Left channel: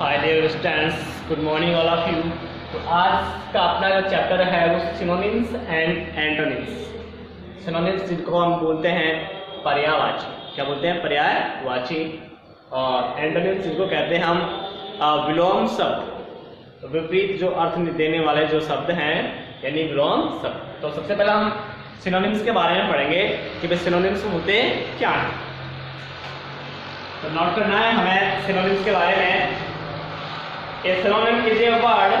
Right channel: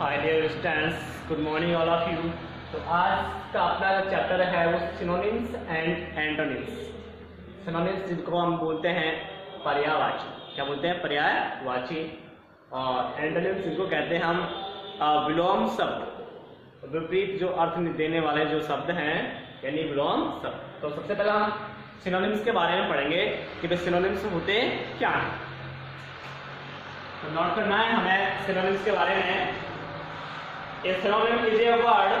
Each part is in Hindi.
Hi dear students, good morning all of you. तो आज का अपना जो चैप्टर है वो सिनोनिम्स एंड एंटोनिम्स। सिनोनिम्स जिनको हम बोलते हैं पर्यायवाची, क्या बोलते हैं? पर्यायवाची। और एंटोनिम्स जिनको कहते हैं हम विलोम शब्द, विपरीत जो अर्थ देने वाले जो शब्द हैं, यानी विलोम शब्द। तो सबसे पहले हम सिनोनिम्स के बारे में पढ़ेंगे कि भाई सिनोनिम्स होते क्या हैं। तो नोट करना है हमें सिनोनिम्स के बारे में। A synonym is a word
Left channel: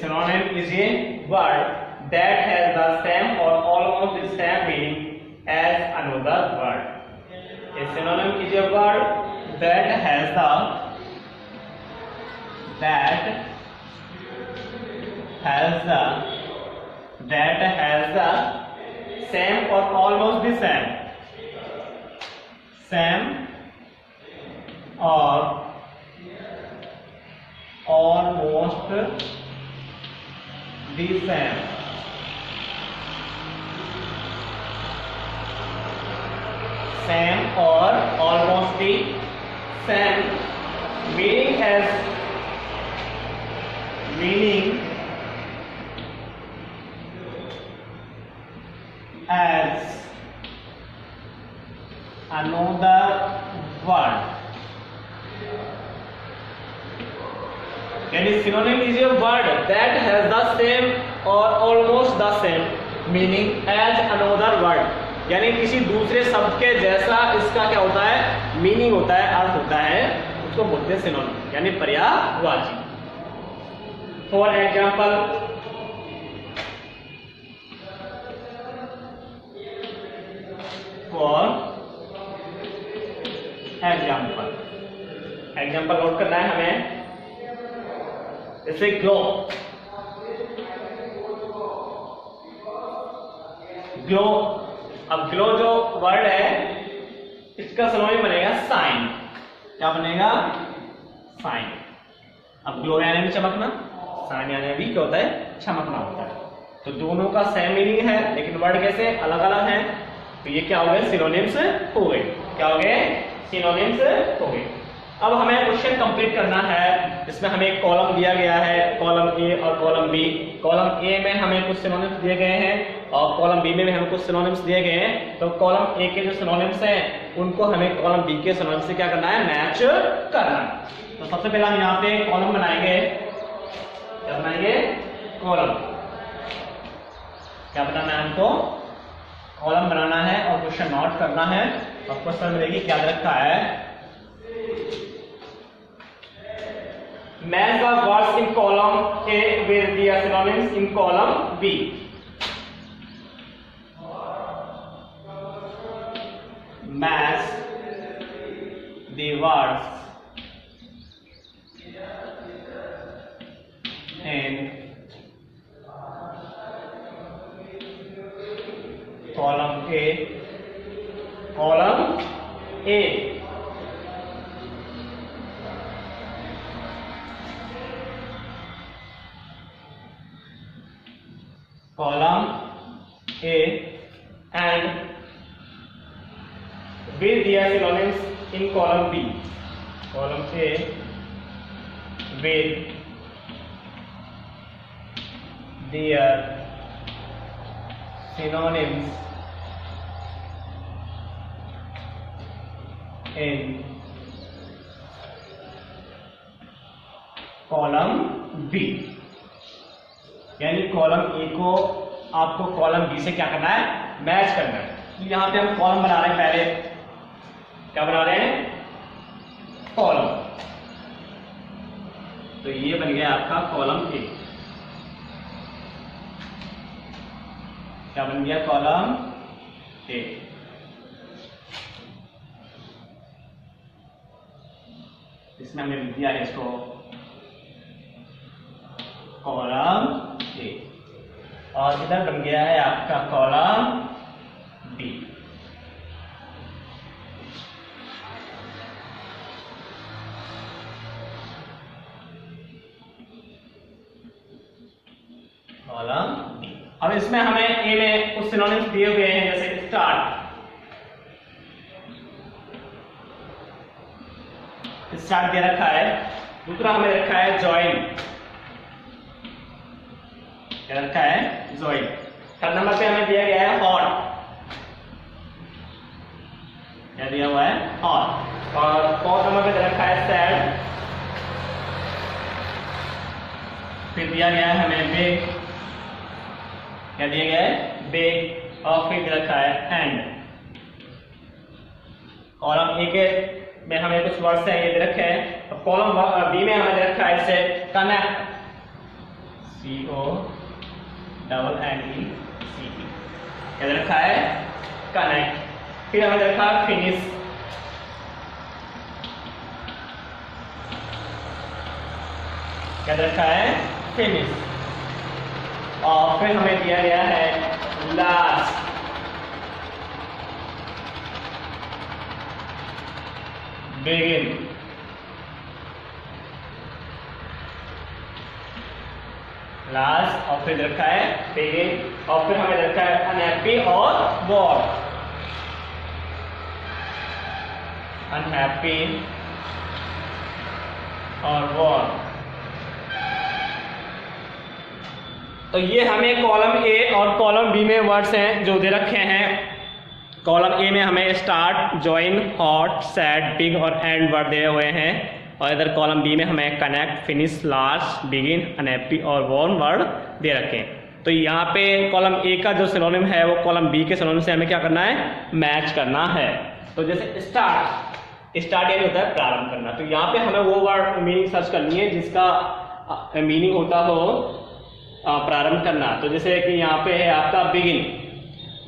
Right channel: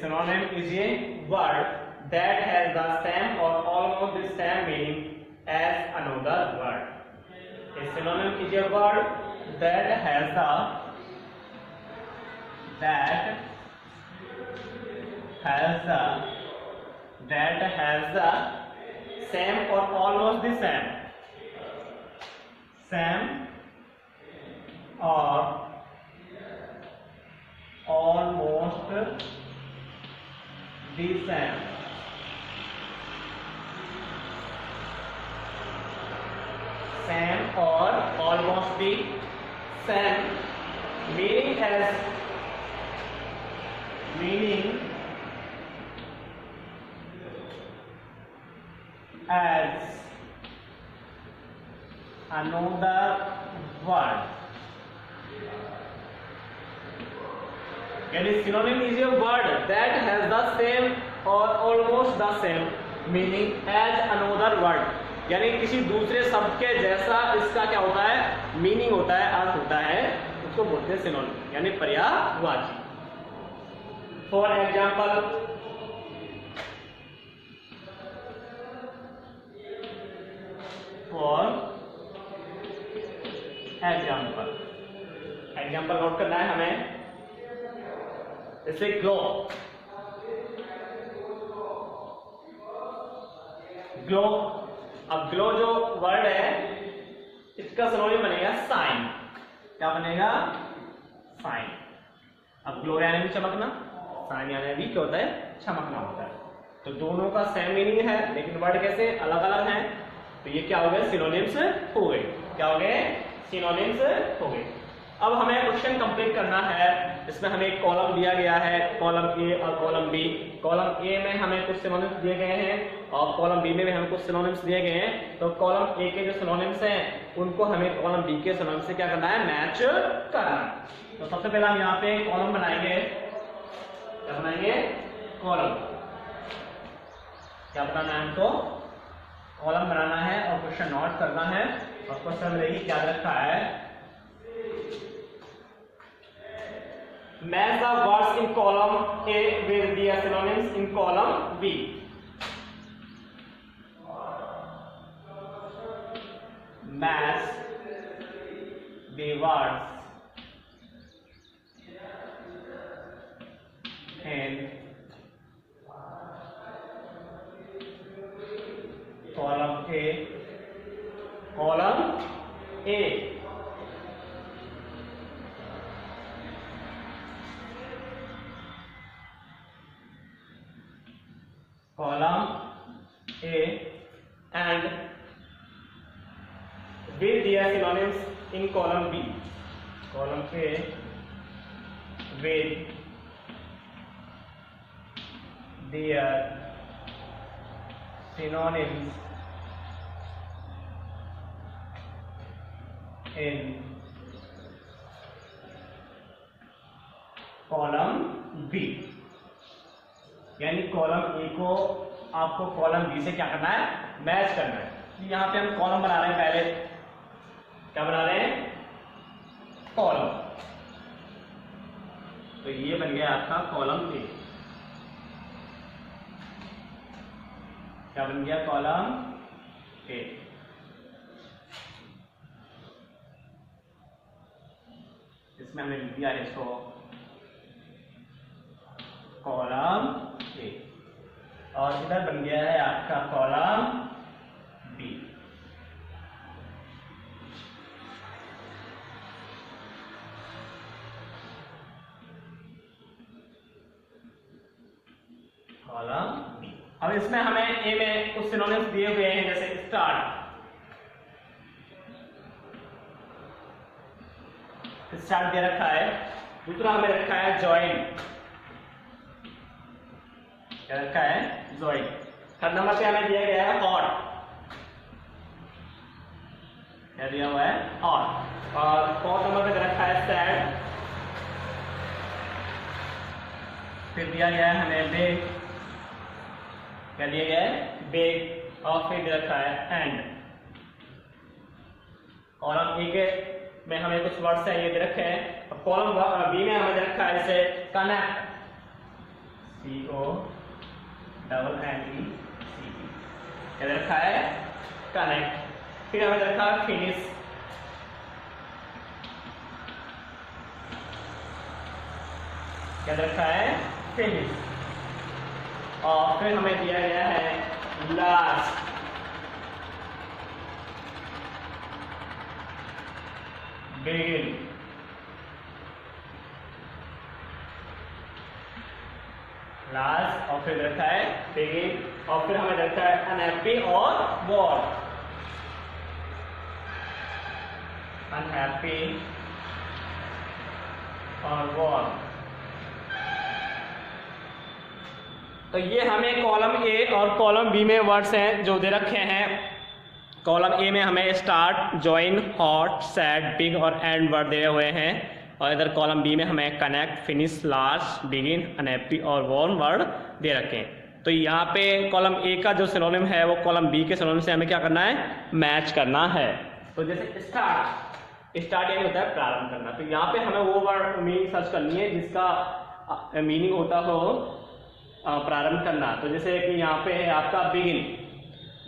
synonym is a word that has the same or almost the same meaning as another word. A synonym is a word that has the same or almost the same or almost the same or almost the same meaning as another word. यानी synonym is a word that has the same or almost the same meaning as another word. यानी किसी दूसरे शब्द के जैसा इसका क्या होता है? मीनिंग होता है, अर्थ होता है, उसको बोलते हैं सिनोनिम, यानी पर्यायवाची। फॉर एग्जाम्पल, एग्जाम्पल नोट करना है हमें। जैसे ग्लो, अब ग्लो जो वर्ड है इसका सिनोनिम बनेगा साइन। क्या बनेगा? साइन। अब ग्लो यानी भी चमकना, साइन यानी भी क्या होता है? चमकना होता है। तो दोनों का सेम मीनिंग है लेकिन वर्ड कैसे अलग अलग हैं। तो ये क्या हो गए? सिनोनिम्स हो गए। क्या हो गए? सिनोनिम्स हो गए। अब हमें क्वेश्चन कंप्लीट करना है। इसमें हमें एक कॉलम दिया गया है, कॉलम ए और कॉलम बी। कॉलम ए में हमें कुछ सिनोनिम्स दिए गए हैं और कॉलम बी में भी हमें कुछ सिनोनिम्स दिए गए हैं। तो कॉलम ए के जो सिनोनिम्स हैं उनको हमें कॉलम बी के सिनोनिम्स से क्या करना है? मैच करना है। तो सबसे पहले हम यहाँ पे कॉलम बनाएंगे। क्या बनाएंगे? कॉलम। क्या बनाना है हमको? कॉलम बनाना है और क्वेश्चन नोट करना है। और क्वेश्चन में देखिए क्या रखा है, match the words in column A with the synonyms in column B. Match the words in column A, column A column A and with their synonyms in column B. Column A with their synonyms in column B. यानी कॉलम ए को आपको कॉलम बी से क्या करना है? मैच करना है। तो यहाँ पे हम कॉलम बना रहे हैं। पहले क्या बना रहे हैं? कॉलम। तो ये बन गया आपका कॉलम ए। क्या बन गया? Column A. इसमें हमने दिया है इसको कॉलम ए और इधर बन गया है आपका कॉलम बी। Column B. अब इसमें हमें ए में कुछ सिनोनिम्स दिए हुए हैं, जैसे स्टार्ट, स्टार्ट दे रखा है। दूसरा हमें रखा है ज्वाइन, क्या रखा है, ज्वाइन। थर्ड नंबर पे हमें दिया गया है हॉट, क्या दिया हुआ है, हॉट। और फोर्थ नंबर पे दे रखा है सैड, फिर दिया गया है हमें बिग, क्या दिया गया है, बिग। और फिर दे रखा है एंड। कॉलम ए के में हमें कुछ वर्ड्स हैं ये दे रखे हैं। और कॉलम बी में हमें दे रखा है जैसे कनेक्ट, CONNECT, क्या दे रखा है, कनेक्ट। फिर हमें दे रखा है फिनिश, क्या दे रखा है, फिनिश। और फिर हमें दिया गया है लास्ट, बिगिन। लास्ट और फिर रखा है बिगिन। और फिर हमें रखा है अनहैप्पी और वॉर, अनहैप्पी और वॉर। तो ये हमें कॉलम ए और कॉलम बी में वर्ड्स हैं जो दे रखे हैं। कॉलम ए में हमें start, join, hot, sad, big और एंड वर्ड दिए हुए हैं। और इधर कॉलम बी में हमें connect, finish, last, begin, unhappy और वॉर्न वर्ड दे रखे हैं। तो यहाँ पे कॉलम ए का जो सिनोनिम है वो कॉलम बी के सिनोनिम से हमें क्या करना है, मैच करना है। तो जैसे स्टार्ट, स्टार्ट यानी होता है प्रारंभ करना। तो यहाँ पे हमें वो वर्ड मीनिंग सर्च करनी है जिसका मीनिंग होता हो प्रारंभ करना। तो जैसे कि यहाँ पे है आपका बिगिन,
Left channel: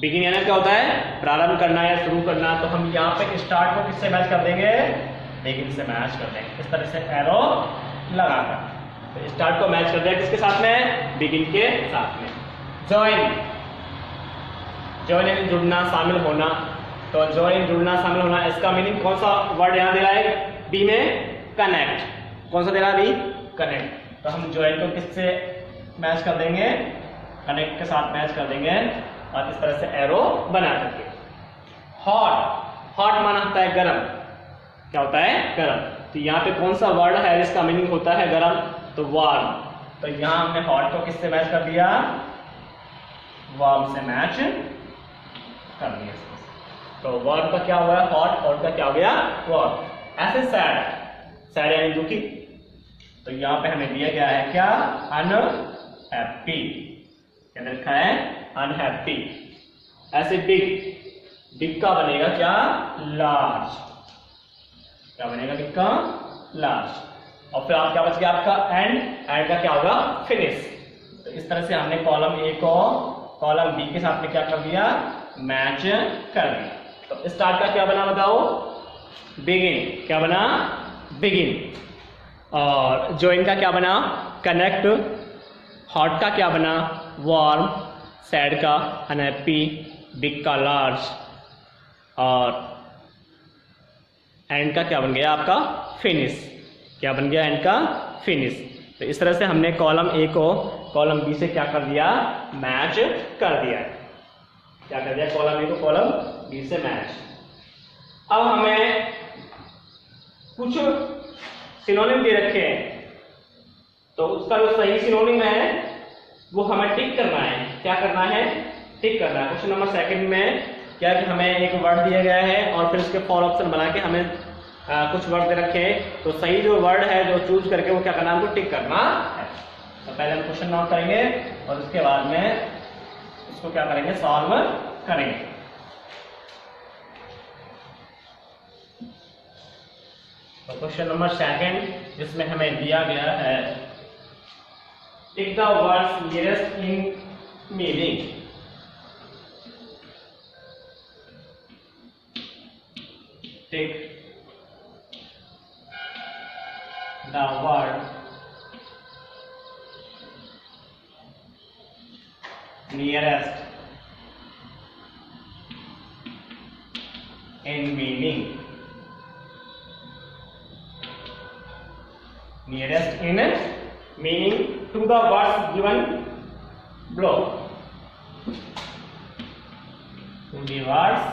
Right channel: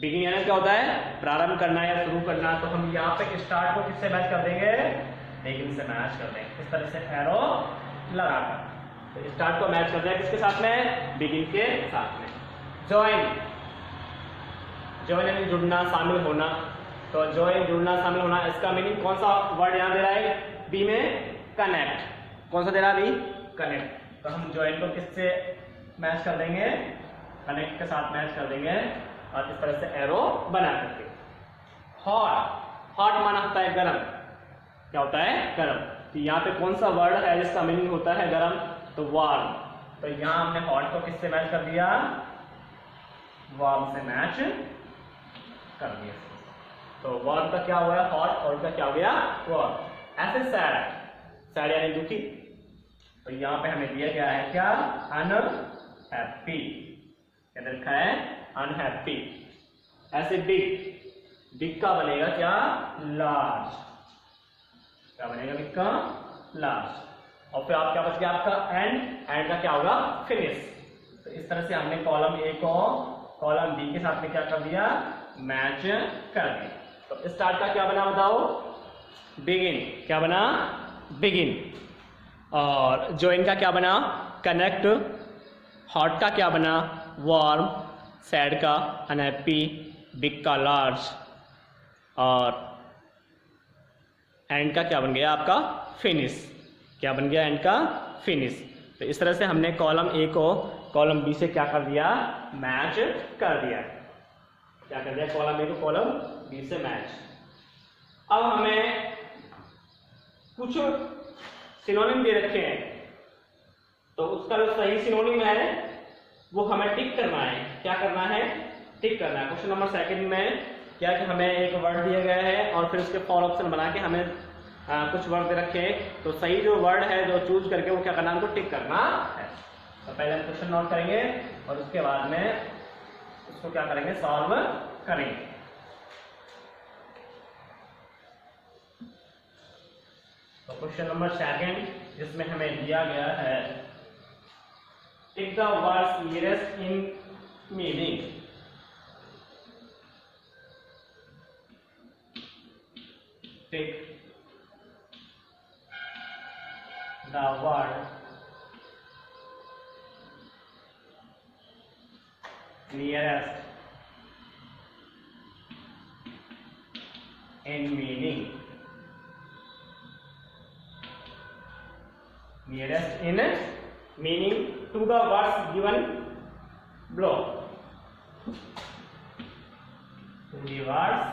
बिगिन यानी क्या होता है, प्रारंभ करना या शुरू करना। तो हम यहाँ पे स्टार्ट को किससे मैच कर देंगे, बिगिन से मैच कर देंगे, इस तरह से एरो लगाकर। तो स्टार्ट को मैच कर दिया किसके साथ में, बिगिन के साथ में। ज्वाइन, ज्वाइन यानी जुड़ना, शामिल होना। तो ज्वाइन, जुड़ना, शामिल होना, इसका मीनिंग कौन सा वर्ड यहाँ दे रहा है, बी में कनेक्ट। कौन सा दे रहा है, बी, कनेक्ट। तो हम ज्वाइन को किससे मैच कर देंगे, कनेक्ट के साथ मैच कर देंगे और इस तरह से एरो बना करके। हॉट, हॉट माना होता है गरम, क्या होता है, गरम। तो यहाँ पे कौन सा वर्ड है जिसका मीनिंग होता है गरम, तो वार्म। तो यहाँ हमने हॉट को किससे मैच कर दिया, वार्म से मैच कर दिया। तो वार्म का क्या हुआ, हॉट, हॉट का क्या हो गया, वार्म। ऐसे सैड, सैड यानी दुखी। तो यहाँ पे हमें दिया गया है क्या, अनहैप्पी, क्या लिखा है, अनहैप्पी। ऐसे बिग, बिग का बनेगा क्या, लार्ज, क्या बनेगा, बिग का लार्ज। और फिर आप क्या बच गया आपका एंड, एंड का क्या होगा, फिनिश। तो इस तरह से हमने कॉलम ए को कॉलम बी के साथ में क्या कर दिया, मैच कर दिया। तो स्टार्ट का क्या बना बताओ, बिगिन, क्या बना, बिगिन। और ज्वाइन का क्या बना, कनेक्ट। हॉट का क्या बना, वार्म। सैड का अनहैप्पी, बिग का लार्ज। और एंड का क्या बन गया आपका, फिनिश, क्या बन गया, एंड का फिनिश। तो इस तरह से हमने कॉलम ए को कॉलम बी से क्या कर दिया, मैच कर दिया। क्या कर दिया, कॉलम ए को कॉलम बी से मैच। अब हमें कुछ सिनोनिम दे रखे हैं, तो उसका जो सही सिनोनिम है वो हमें टिक करना है। क्या करना है, टिक करना है। क्वेश्चन नंबर सेकंड में क्या कि हमें एक वर्ड दिया गया है और फिर उसके फॉर ऑप्शन बना के हमें कुछ वर्ड दे रखे हैं। तो सही जो वर्ड है जो चूज करके वो क्या करना है, हमको टिक करना है। तो पहले हम क्वेश्चन नोट करेंगे और उसके बाद में उसको क्या करेंगे, सॉल्व करेंगे। तो क्वेश्चन नंबर सेकंड जिसमें हमें दिया गया है, tick the words nearest in meaning. Tick the word nearest in meaning, nearest in meaning to the words given blow to the words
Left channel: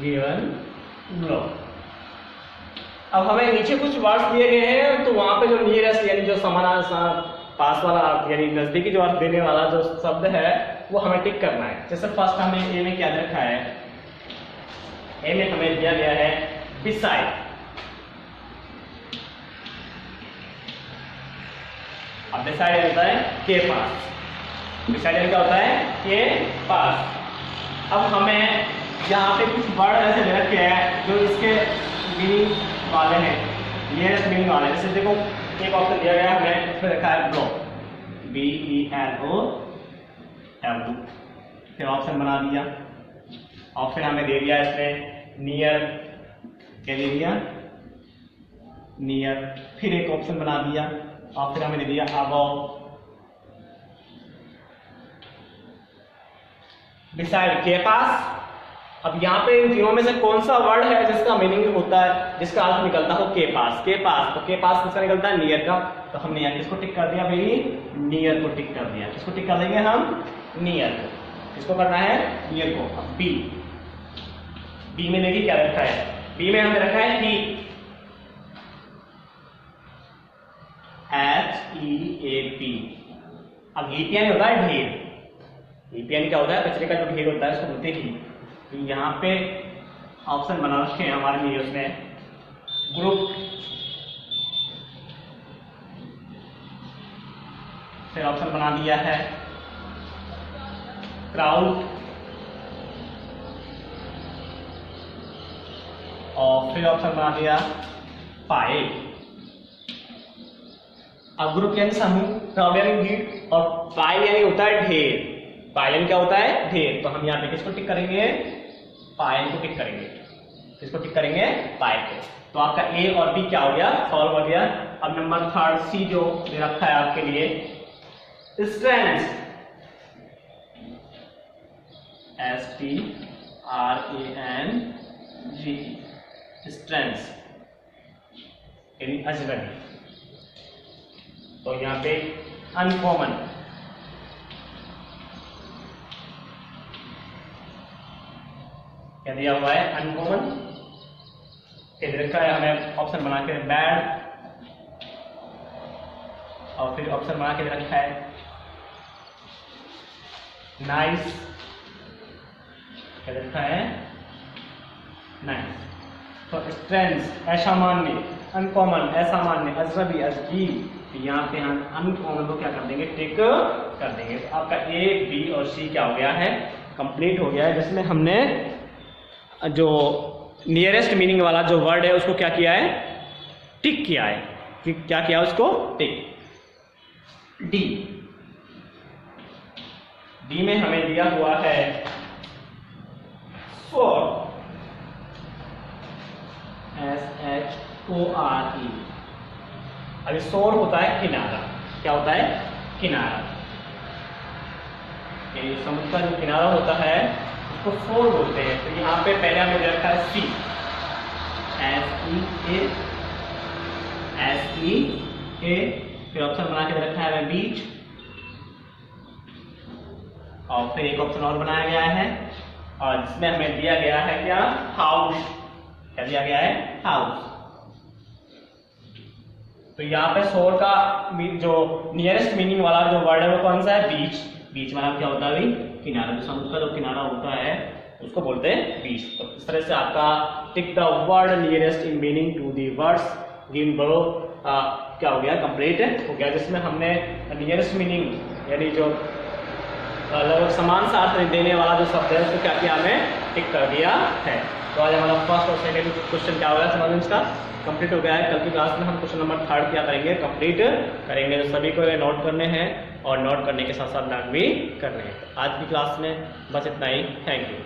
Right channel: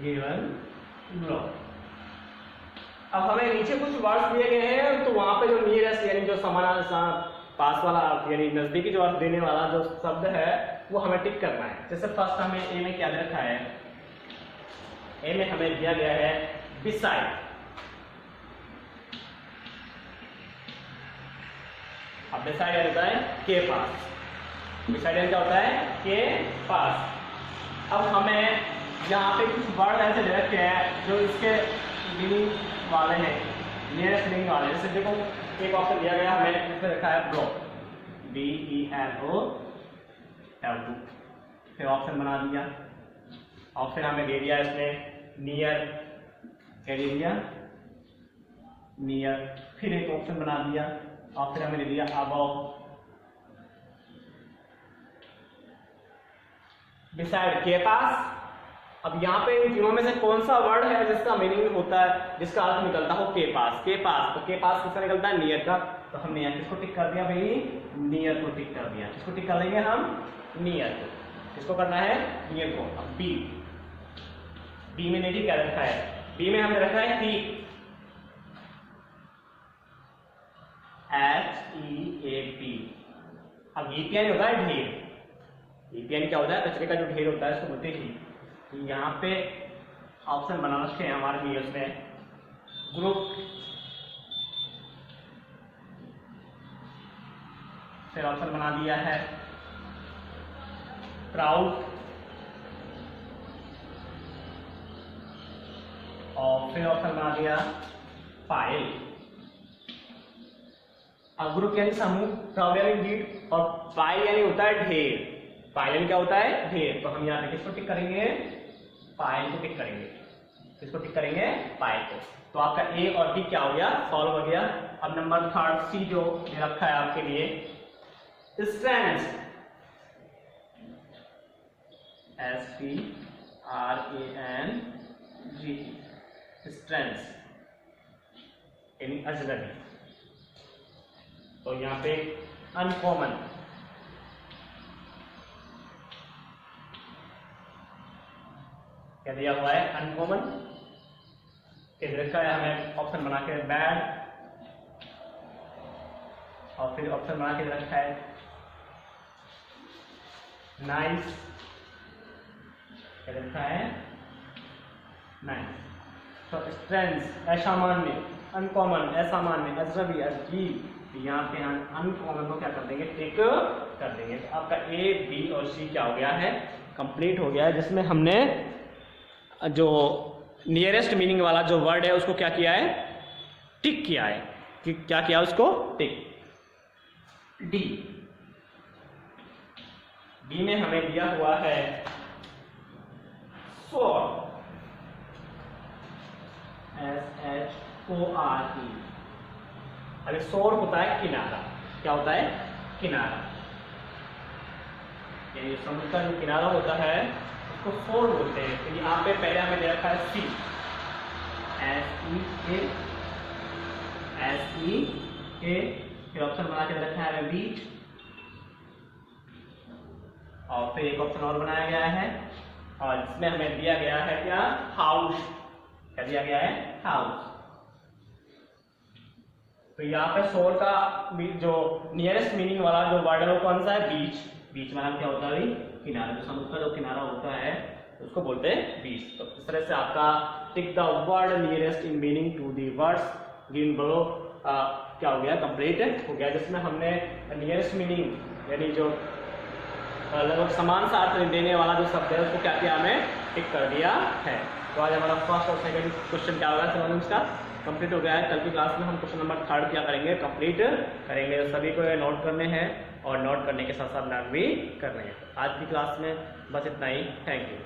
given below। अब हमें नीचे कुछ वर्ड्स दिए गए हैं, तो वहां पे जो नियरेस्ट यानी जो समानांतर पास वाला अर्थ यानी नजदीकी जो अर्थ देने वाला जो शब्द है वो हमें टिक करना है। जैसे फर्स्ट हमें ए में क्या रखा है, ए में हमें दिया गया है बिसाइड। अब बिसाइड होता है के पास, बिसाइड क्या होता है के पास। अब हमें यहाँ पे कुछ वर्ड ऐसे दे रखे हैं जो इसके मीनिंग वाले हैं, नियरेस्ट मीनिंग वाले। जैसे देखो एक ऑप्शन दिया गया हमें, इसमें रखा है ब्लो, BELO, फिर ऑप्शन बना दिया और फिर हमें दे दिया इसमें नियर, क्या दे दिया नियर, फिर एक ऑप्शन बना दिया और फिर हमें दे दिया अबव, बिसाइड के पास। अब यहाँ पे इन तीनों में से कौन सा वर्ड है जिसका मीनिंग होता है, जिसका अर्थ निकलता हो के पास, के पास, तो के पास किसका निकलता है नियर का, तो हमने यहाँ किसको टिक कर दिया भाई, नियर को टिक कर दिया। किसको टिक कर देंगे हम, नियर को। किसको करना है, नियर को। अब बी, बी में देखिए क्या रखा है, बी में हमने रखा है हीप, HEAP। अब हीप यानी होता है ढेर, हीप यानी क्या होता है, कचरे का जो ढेर होता है उसको बोलते हैं हीप। तो यहाँ पे ऑप्शन बना रखे हैं हमारे लिए, उसमें ग्रुप, फिर ऑप्शन बना दिया है क्राउड और फिर ऑप्शन बना दिया पाइल। अब ग्रुप यानी समूह, क्राउड यानी भीड़ और पाइल यानी होता है ढेर। पाइल क्या होता है, ढेर। तो हम यहाँ पे किसको टिक करेंगे, पाइल को टिक करेंगे। किसको टिक करेंगे, पाइल को। तो आपका ए और बी क्या हो गया, सॉल्व हो गया। अब नंबर थर्ड सी जो दे रखा है आपके लिए, स्ट्रैंड्स, STRANG, स्ट्रैंड्स यानी अजनबी। तो यहाँ पे अनकॉमन, क्या दिया हुआ है, अनकॉमन। क्या दे रखा है हमें, ऑप्शन बना के बैड और फिर ऑप्शन बना के दे रखा है नाइस। क्या दे रखा है, नाइस। तो स्ट्रेंथ असामान्य, अनकॉमन असामान्य, अजनबी अजीब। यहाँ पे हम अनकॉमन को क्या कर देंगे, टिक कर देंगे। तो आपका ए बी और सी क्या हो गया है, कंप्लीट हो गया है, जिसमें हमने जो नियरेस्ट मीनिंग वाला जो वर्ड है उसको क्या किया है, टिक किया है। क्या किया उसको, टिक। डी, डी में हमें दिया हुआ है शोर, SHORE। अभी शोर होता है किनारा। क्या होता है, किनारा। यानी समुद्र का जो किनारा होता है उसको शोर बोलते हैं। तो यहाँ पे पहले हमें रखा है सी, SEA, फिर ऑप्शन बना के रखा है बीच और फिर एक ऑप्शन और बनाया गया है और जिसमें हमें दिया गया है क्या, हाउस। क्या दिया गया है, हाउस। तो यहाँ पे शोर का जो नियरेस्ट मीनिंग वाला जो वर्ड है वो कौन सा है, बीच। बीच मतलब क्या होता है भाई, किनारा। जो समुद्र का जो किनारा होता है उसको बोलते हैं बीच। तो इस तरह से आपका tick the word nearest in meaning to the words given below क्या हो गया, कंप्लीट हो गया। जिसमें हमने नियरेस्ट मीनिंग यानी जो लगभग समान सा अर्थ देने वाला जो शब्द है उसको क्या किया, हमें टिक कर दिया है। तो आज हमारा फर्स्ट और सेकेंड क्वेश्चन क्या होगा सिनोनिम्स का कंप्लीट हो गया है। कल की क्लास में हम क्वेश्चन नंबर थर्ड क्या करेंगे, कंप्लीट करेंगे। तो सभी को नोट करने हैं और नोट करने के साथ साथ लर्न भी करने हैं। तो आज की क्लास में बस इतना ही। Thank you.